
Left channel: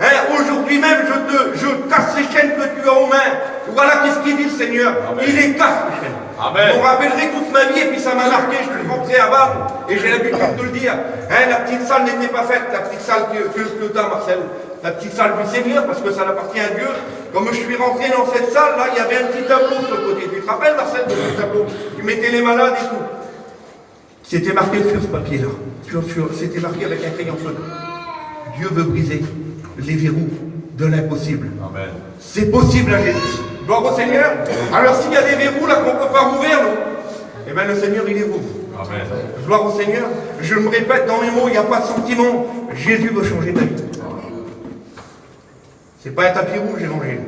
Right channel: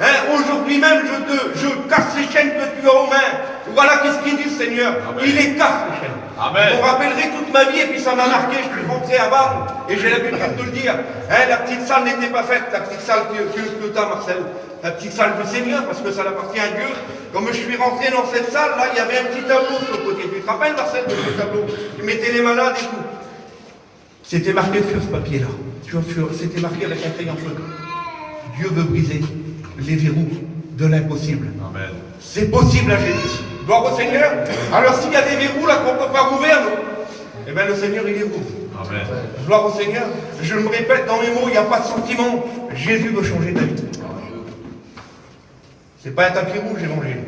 hein, aujourd'hui même je casse les chaînes que tu as aux mains. Voilà qu'est-ce qu'il dit le Seigneur. Amen. Il les casse les chaînes. Amen. Je me rappellerai toute ma vie et puis ça m'a marqué. Je suis rentré à Vannes et j'ai l'habitude de le dire. Hein, la petite salle n'était pas faite, la petite salle que tu as, Marcel. La petite salle du Seigneur, parce que ça appartient à Dieu. Comme je suis rentré dans cette salle, là, il y avait un petit tableau sur le côté. Tu te rappelles, Marcel, de ce tableau? Qui mettait les malades et tout. C'était marqué sur ce papier-là. C'était marqué avec un crayon feu. Dieu veut briser les verrous de l'impossible. Amen. C'est possible à Jésus. Gloire au Seigneur. Alors s'il y a des verrous là qu'on ne peut pas rouvrir, eh bien le Seigneur il les rouvre. Amen. Gloire au Seigneur. Je me répète dans mes mots, il n'y a pas de sentiment. Jésus veut changer ta vie. C'est pas un tapis rouge l'évangile.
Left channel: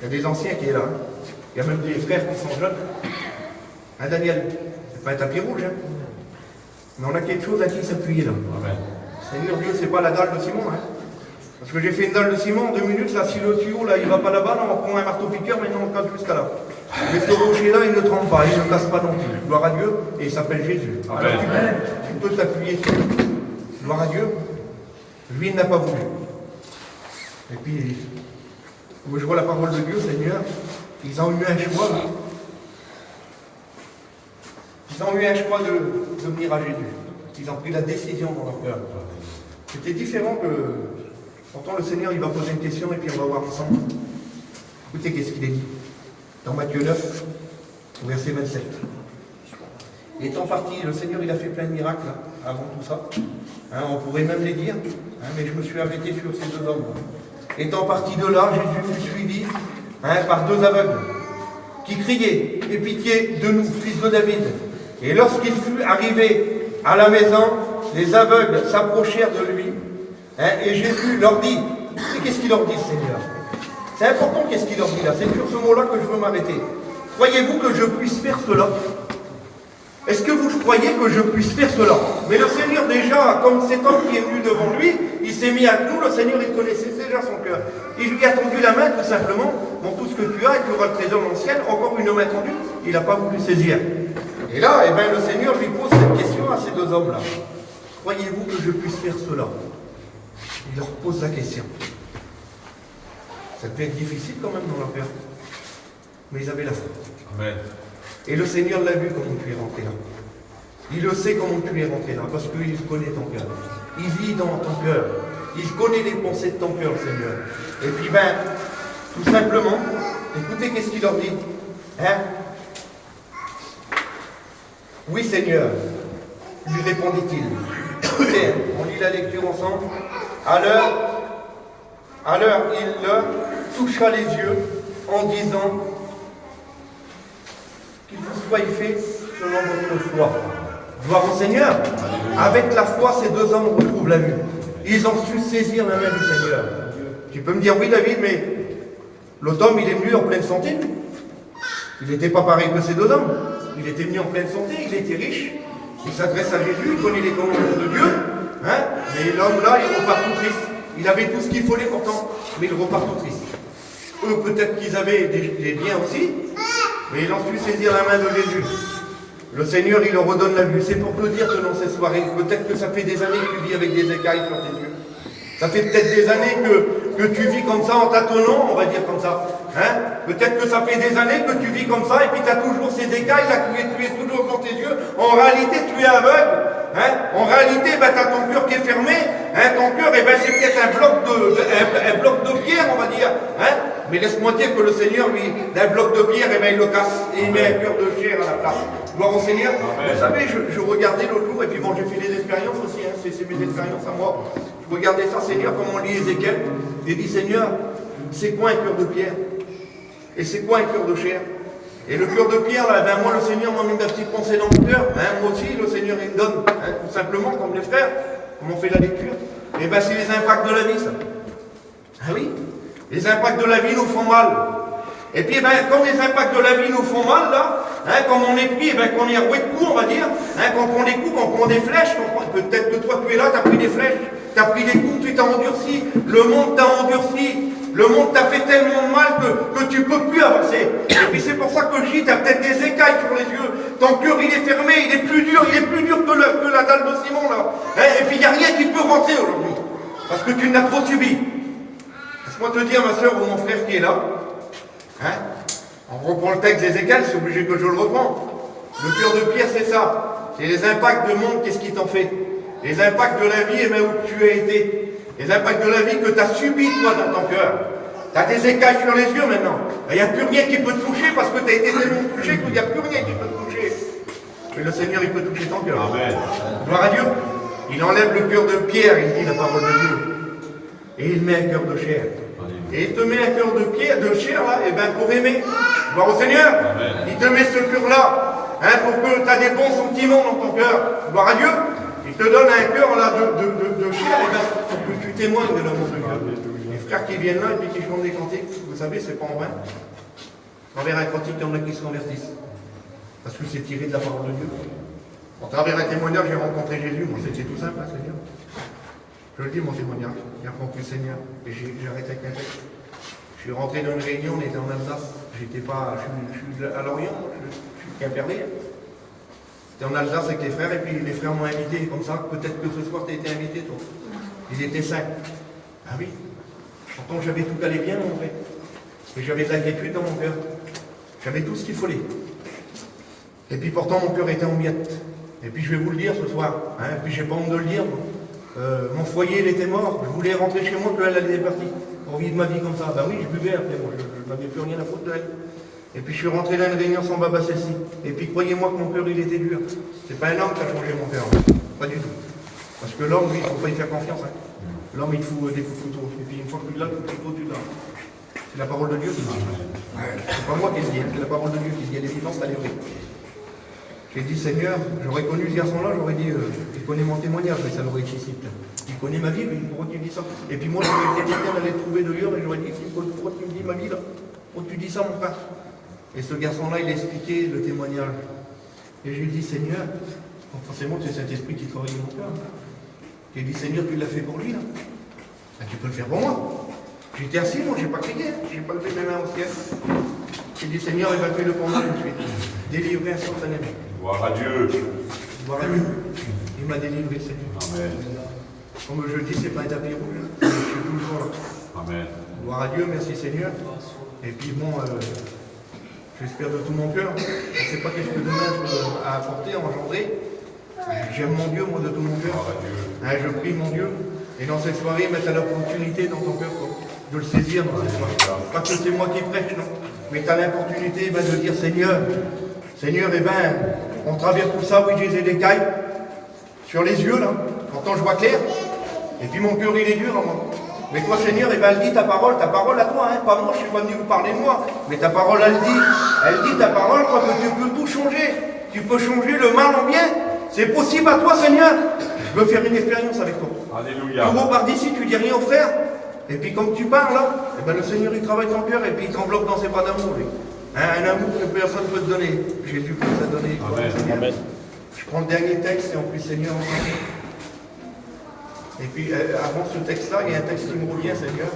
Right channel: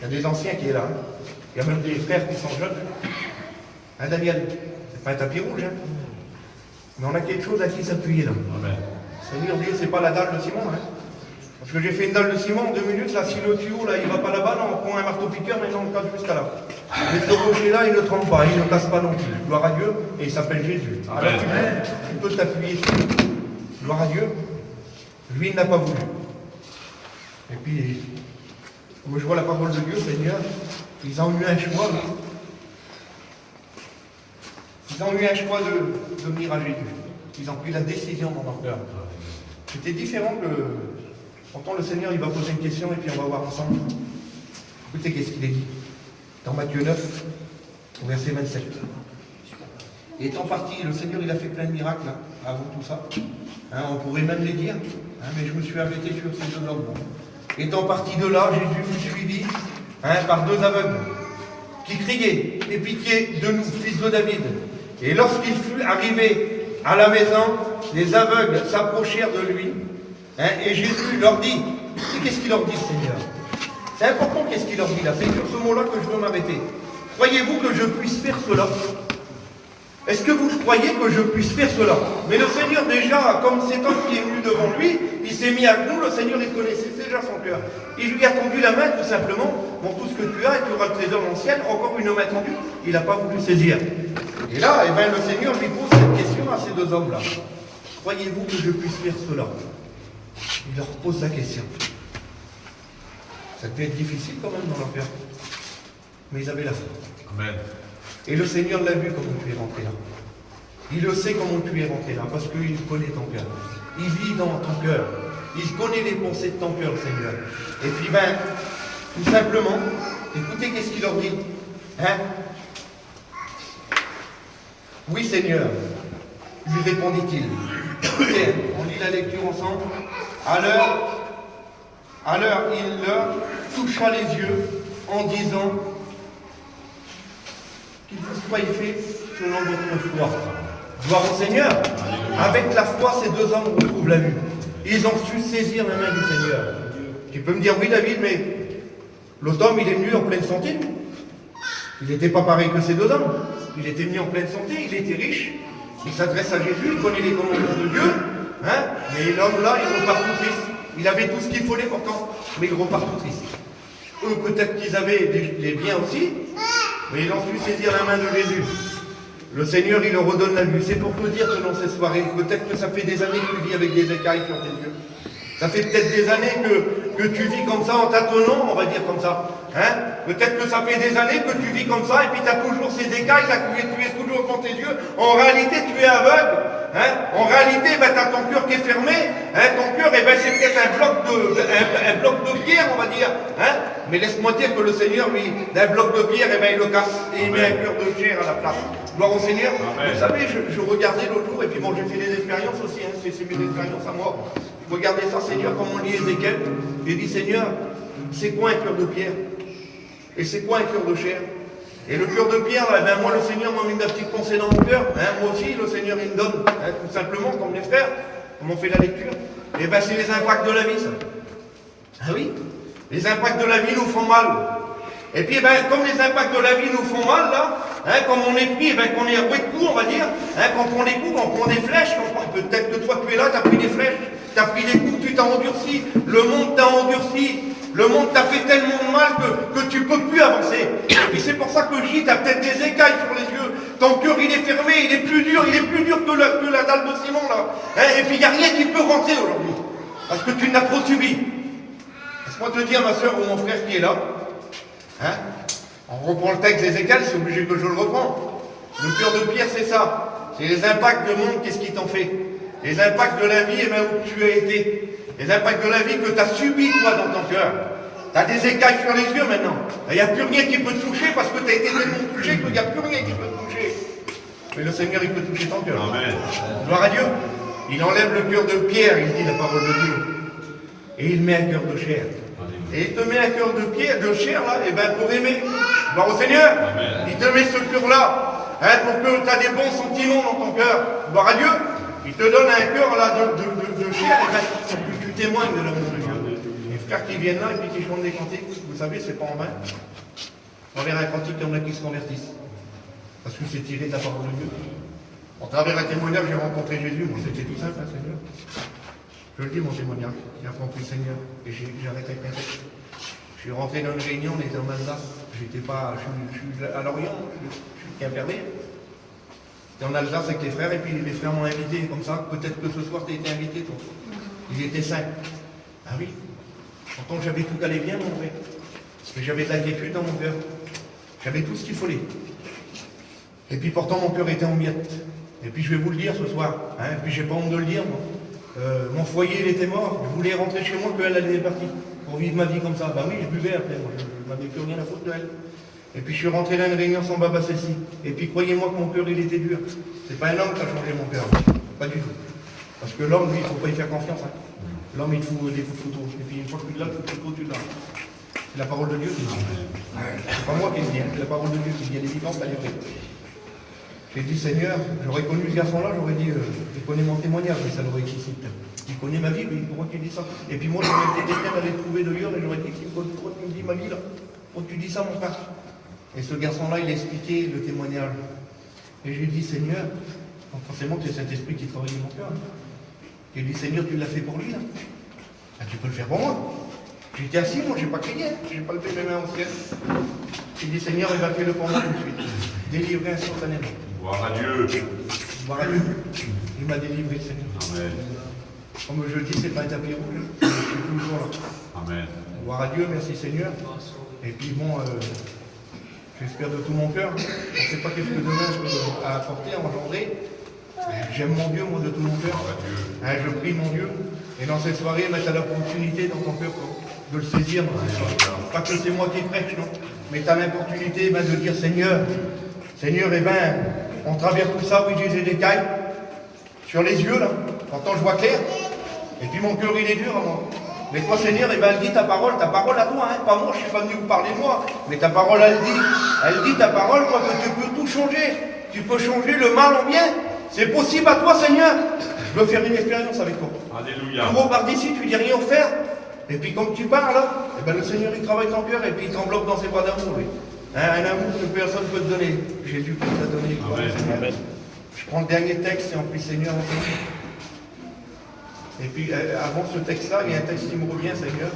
Il y a des anciens qui sont là. Il y a même des frères qui sont jeunes. Hein, Daniel? C'est pas un tapis rouge, hein. Mais on a quelque chose à qui s'appuyer là. Amen. Seigneur Dieu, c'est pas la dalle de Simon, hein. Parce que j'ai fait une dalle de ciment en 2 minutes, là, si le tuyau là il va pas là-bas, on prend un marteau-piqueur, maintenant on le casse jusqu'à là. Mais ce rocher-là, il ne tremble pas, il ne casse pas non plus. Gloire à Dieu, et il s'appelle Jésus. Amen. Alors tu peux t'appuyer sur lui. Gloire à Dieu. Lui, il n'a pas voulu. Et puis, quand je vois la parole de Dieu, Seigneur, ils ont eu un choix là. Ils ont eu un choix de venir à Jésus. Ils ont pris la décision dans leur cœur. C'était différent que, pourtant le Seigneur il va poser une question et puis on va voir ensemble. Écoutez qu'est-ce qu'il est dit. Dans Matthieu 9, verset 27. Étant parti, le Seigneur il a fait plein de miracles là, avant tout ça. Hein, on pourrait même les dire, hein, mais je me suis arrêté sur ces 2 hommes. Étant parti de là, Jésus fut suivi par 2 aveugles qui criaient, aie pitié de nous, fils de David. Et lorsqu'il fut arrivé à la maison, les aveugles s'approchèrent de lui, et Jésus leur dit, qu'est-ce qu'il leur dit, Seigneur? C'est important qu'est-ce qu'il leur dit là, c'est sur ce mot-là que je veux m'arrêter. Croyez-vous que je puisse faire cela? Est-ce que vous croyez que je puisse faire cela? Mais le Seigneur déjà, comme cet homme qui est venu devant lui, il s'est mis à genoux, le Seigneur il connaissait déjà son cœur. Il lui a tendu la main tout simplement, bon tout ce que tu as et tu auras le trésor dans le ciel, encore une main tendue, il n'a pas voulu saisir. Et là, eh bien, le Seigneur lui pose cette question à ces 2 hommes-là. Croyez-vous que je puisse faire cela? Il leur pose la question. Ça peut être difficile quand même dans leur cœur. Mais ils avaient la foi. Amen. Et le Seigneur l'a vu comment tu es rentré là. Il le sait comment tu es rentré là, parce qu'il connaît ton cœur. Il vit dans ton cœur. Il connaît les pensées de ton cœur, Seigneur. Et puis, tout simplement, écoutez qu'est-ce qu'il leur dit. Hein? Oui, Seigneur, lui répondit-il. Écoutez, on lit la lecture ensemble. Alors, il leur toucha les yeux en disant qu'il vous soit fait selon votre foi. Gloire au Seigneur. Avec la foi, ces 2 hommes retrouvent la vue. Ils ont su saisir la main du Seigneur. Tu peux me dire, oui David, mais l'autre homme, il est venu en pleine santé. Il n'était pas pareil que ces 2 hommes. Il était venu en pleine santé, il était riche. Il s'adresse à Jésus, il connaît les commandements de Dieu. Hein, mais l'homme là, il repart tout triste. Il avait tout ce qu'il fallait pourtant, mais il repart tout triste. Eux, peut-être qu'ils avaient des biens aussi, mais ils ont su saisir la main de Jésus. Le Seigneur, il leur redonne la vue. C'est pour te dire que dans ces soirées, peut-être que ça fait des années que tu vis avec des écailles sur tes yeux. Ça fait peut-être des années que tu vis comme ça en tâtonnant, on va dire comme ça. Hein? Peut-être que ça fait des années que tu vis comme ça et puis tu as toujours ces écailles là, tu es toujours dans tes yeux. En réalité, tu es aveugle. Hein? En réalité, tu as ton cœur qui est fermé. Hein? Ton cœur, c'est peut-être un bloc de pierre, on va dire. Hein? Mais laisse-moi dire que le Seigneur, lui, d'un bloc de pierre, il le casse et il met un cœur de chair à la place. Gloire au Seigneur. Amen. Vous savez, je regardais l'autre jour, et puis bon, j'ai fait des expériences aussi, hein, c'est mes expériences à moi. Je regardais ça, Seigneur, comme on lit Ézéchiel. J'ai dit, Seigneur, c'est quoi un cœur de pierre? Et c'est quoi un cœur de chair? Et le cœur de pierre, là, ben moi, le Seigneur m'a mis une petite pensée dans mon cœur. Hein, moi aussi, le Seigneur, il me donne, hein, tout simplement, comme les frères, comme on fait la lecture. Et ben, c'est les impacts de la vie, ça. Ah oui, les impacts de la vie nous font mal. Et puis, ben, comme les impacts de la vie nous font mal, là, hein, comme on est pris, ben, qu'on est roué de coups, on va dire, hein, qu'on prend des coups, qu'on prend des flèches, peut-être que toi, tu es là, tu as pris des flèches, tu as pris des coups, tu t'as endurci, le monde t'a endurci, le monde t'a fait tellement de mal que tu ne peux plus avancer. Et puis, c'est pour ça que je dis, tu as peut-être des écailles sur les yeux, ton cœur, il est fermé, il est plus dur que la dalle de ciment, là. Hein, et puis, il n'y a rien qui peut rentrer aujourd'hui, parce que tu n'as trop subi. Laisse-moi te dire, ma soeur ou mon frère qui est là, hein? On reprend le texte d'Ézéchiel, c'est obligé que je le reprends. Le cœur de pierre, c'est ça. C'est les impacts du monde, qu'est-ce qui t'en fait? Les impacts de la vie, et même où tu as été. Les impacts de la vie que tu as subis, toi, dans ton cœur. Tu as des écailles sur les yeux maintenant. Il n'y a plus rien qui peut te toucher parce que tu as été tellement touché qu'il n'y a plus rien qui peut te toucher. Mais le Seigneur, il peut toucher ton cœur. Amen. Gloire à Dieu. Il enlève le cœur de pierre, il dit la parole de Dieu. Et il met un cœur de chair. Et il te met un cœur de pierre, de chair, là, et bien pour aimer. Gloire au Seigneur. Amen. Il te met ce cœur-là, hein, pour que tu aies des bons sentiments dans ton cœur. Gloire à Dieu. Il te donne un cœur là de chair, et bien pour que tu témoignes de l'amour de Dieu. Les frères qui viennent là et puis qui chantent des cantiques, vous savez, c'est pas en vain. Dans les cantiques, il y en a qui se convertissent. Parce que c'est tiré de la parole de Dieu. En travers un témoignage, j'ai rencontré Jésus, mais c'était tout simple, hein, Seigneur. Je le dis, mon témoignage, j'ai rencontré le Seigneur et j'ai arrêté avec un texte. Je suis rentré dans une réunion, on était en Alsace, je suis à Lorient, je suis Quimperlé. J'étais en Alsace avec les frères et puis les frères m'ont invité comme ça. Peut-être que ce soir tu as été invité, toi. Ils étaient 5. Ah oui. Pourtant j'avais tout allé bien, mon frère. Et j'avais de l'inquiétude dans mon cœur. J'avais tout ce qu'il fallait. Et puis pourtant mon cœur était en miettes. Et puis je vais vous le dire ce soir. Hein, et puis j'ai pas honte de le dire. Mon foyer, il était mort. Je voulais rentrer chez moi, qu'elle allait partie. Pour vivre ma vie comme ça. Bah oui, je buvais après, moi. Je n'avais plus rien à foutre de elle. Et puis je suis rentré dans une réunion sans Baba celle-ci. Et puis croyez-moi que mon cœur, il était dur. C'est pas un homme qui a changé mon cœur. Pas du tout. Parce que l'homme, lui, il ne faut pas y faire confiance. Hein. L'homme, il te fout des coups de couteau. Et puis une fois que tu l'as, le couteau, tu l'as. C'est la parole de Dieu qui dit. C'est pas moi qui le dis, hein. C'est la parole de Dieu qui dit. Elle est vivante, elle est vraie. J'ai dit, Seigneur, j'aurais connu ce garçon-là, j'aurais dit, il connaît mon témoignage, mais ça l'aurait excité. Il connaît ma vie, mais pourquoi tu dis ça? Et puis moi, j'aurais été quelqu'un d'aller trouver de Lyon et j'aurais dit, pourquoi tu me dis ma vie là? Pourquoi tu dis ça, mon frère? Et ce garçon-là, il a expliqué le témoignage. Et je lui ai dit, Seigneur, forcément, c'est cet esprit qui travaille dans mon cœur. J'ai dit, Seigneur, tu l'as fait pour lui, là. Ah, tu peux le faire pour moi. J'étais assis, moi, j'ai pas crié, hein. J'ai pas levé mes mains au ciel. J'ai dit, Seigneur, il va faire le pour moi tout de suite. Délivré instantanément. Gloire à Dieu. Gloire à Dieu. Il m'a délivré, Seigneur. Amen. Comme je dis, c'est pas un tapis rouge, hein. Je suis toujours là. Amen. Gloire à Dieu, merci Seigneur. Et puis bon, j'espère de tout mon cœur. Je ne sais pas qu'est-ce que demain je peux apporter, engendrer. J'aime mon Dieu, moi, de tout mon cœur. Je prie mon Dieu. Et dans cette soirée, tu as l'opportunité dans ton cœur de le saisir dans cette soirée. Pas que c'est moi qui prêche, non. Mais tu as l'opportunité de dire Seigneur, on traverse tout ça, oui, j'ai des cailles sur les yeux, là. Pourtant, je vois clair. Et puis mon cœur, il est dur, moi. Mais toi, Seigneur, elle dit ta parole à toi, hein, pas moi, je ne suis pas venu vous parler de moi. Mais ta parole, elle dit ta parole, quoi, que tu peux tout changer. Tu peux changer le mal en bien. C'est possible à toi, Seigneur. Je veux faire une expérience avec toi. Alléluia. Tu repars d'ici, tu dis rien au frère. Et puis, comme tu parles, là, le Seigneur, il travaille ton cœur et puis il t'enveloppe dans ses bras d'amour. Un amour que personne ne peut te donner. Jésus peut te donner. Amen. Amen. Je prends le dernier texte et on prie Seigneur ensemble. Et puis, avant ce texte-là, il y a un texte qui me revient, Seigneur.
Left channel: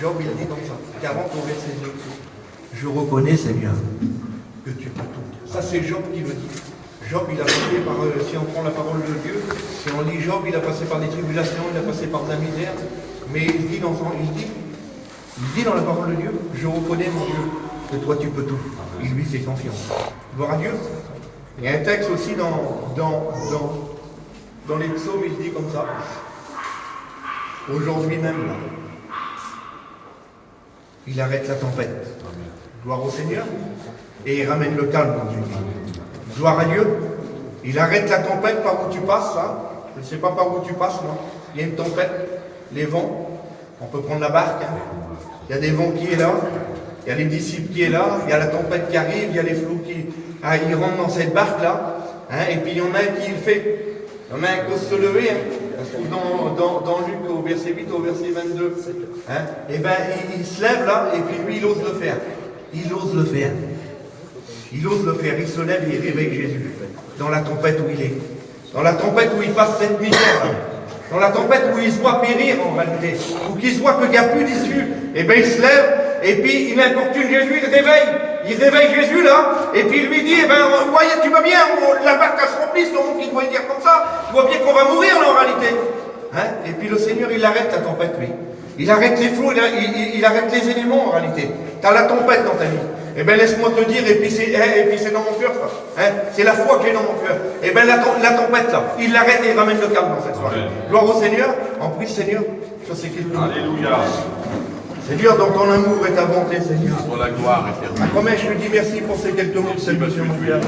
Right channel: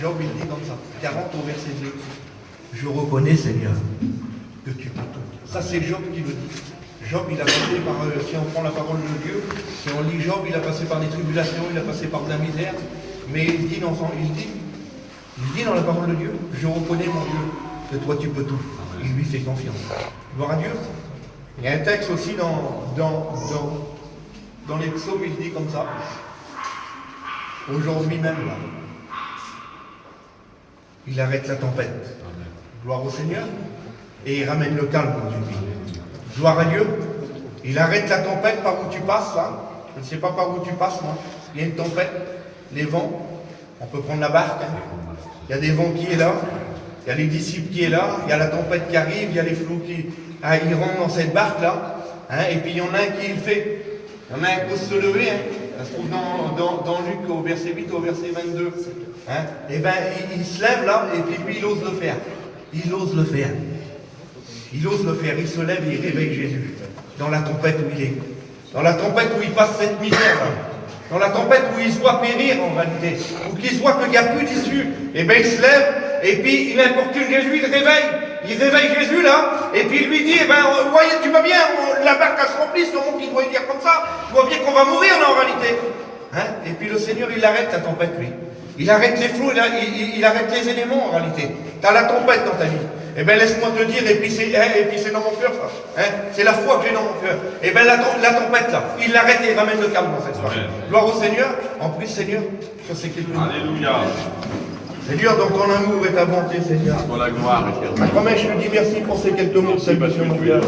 Job, il dit comme ça, 40 au verset 2. Je reconnais, Seigneur, que tu peux tout. Ça, c'est Job qui le dit. Job, il a passé par, si on prend la parole de Dieu, si on lit Job, il a passé par des tribulations, il a passé par de la misère. Mais il dit, Il dit dans la parole de Dieu, je reconnais mon Dieu, que toi tu peux tout. Il lui fait confiance. Gloire à Dieu. Il y a un texte aussi dans les psaumes, il dit comme ça. Aujourd'hui même, là, il arrête la tempête. Gloire au Seigneur. Et il ramène le calme dans une vie. Gloire à Dieu. Il arrête la tempête par où tu passes, là. Je ne sais pas par où tu passes, moi. Il y a une tempête, les vents. On peut prendre la barque. Hein. Il y a des vents qui est là. Il y a les disciples qui est là. Il y a la tempête qui arrive. Il y a les flots qui... Ah, ils rentrent dans cette barque-là. Hein, et puis il y en a un qui le fait. Il y en a un qui ose se lever. Hein. Ça se trouve dans Luc au verset 8 au verset 22. Hein. Et bien il se lève là. Et puis lui il ose le faire. Il ose le faire. Il ose le faire. Il se lève et il réveille Jésus. Dans la tempête où il est. Dans la tempête où il passe cette misère. Là. Dans la tempête où il se voit périr en réalité. Où il se voit qu'il n'y a plus d'issue. Et bien il se lève. Et puis il importune Jésus. Il réveille. Il réveille Jésus là, et puis il lui dit, eh ben, voyez, tu vois bien, la barque se remplit, donc il doit dire comme ça, tu vois bien qu'on va mourir là en réalité. Hein? Et puis le Seigneur, il arrête la tempête, lui. Il arrête les flots, il arrête les éléments en réalité. Tu as la tempête dans ta vie. Eh bien, laisse-moi te dire, et puis c'est dans mon cœur ça. Hein? C'est la foi que j'ai dans mon cœur. Eh bien, la tempête là, il l'arrête et il ramène le calme dans cette soirée. Gloire au Seigneur, en prie Seigneur, ça c'est quelque chose. Alléluia. Seigneur, dans ton amour et ta bonté, Seigneur. Pour la gloire éternelle. Comme je te dis merci pour ces quelques mots de salutation, mon Père.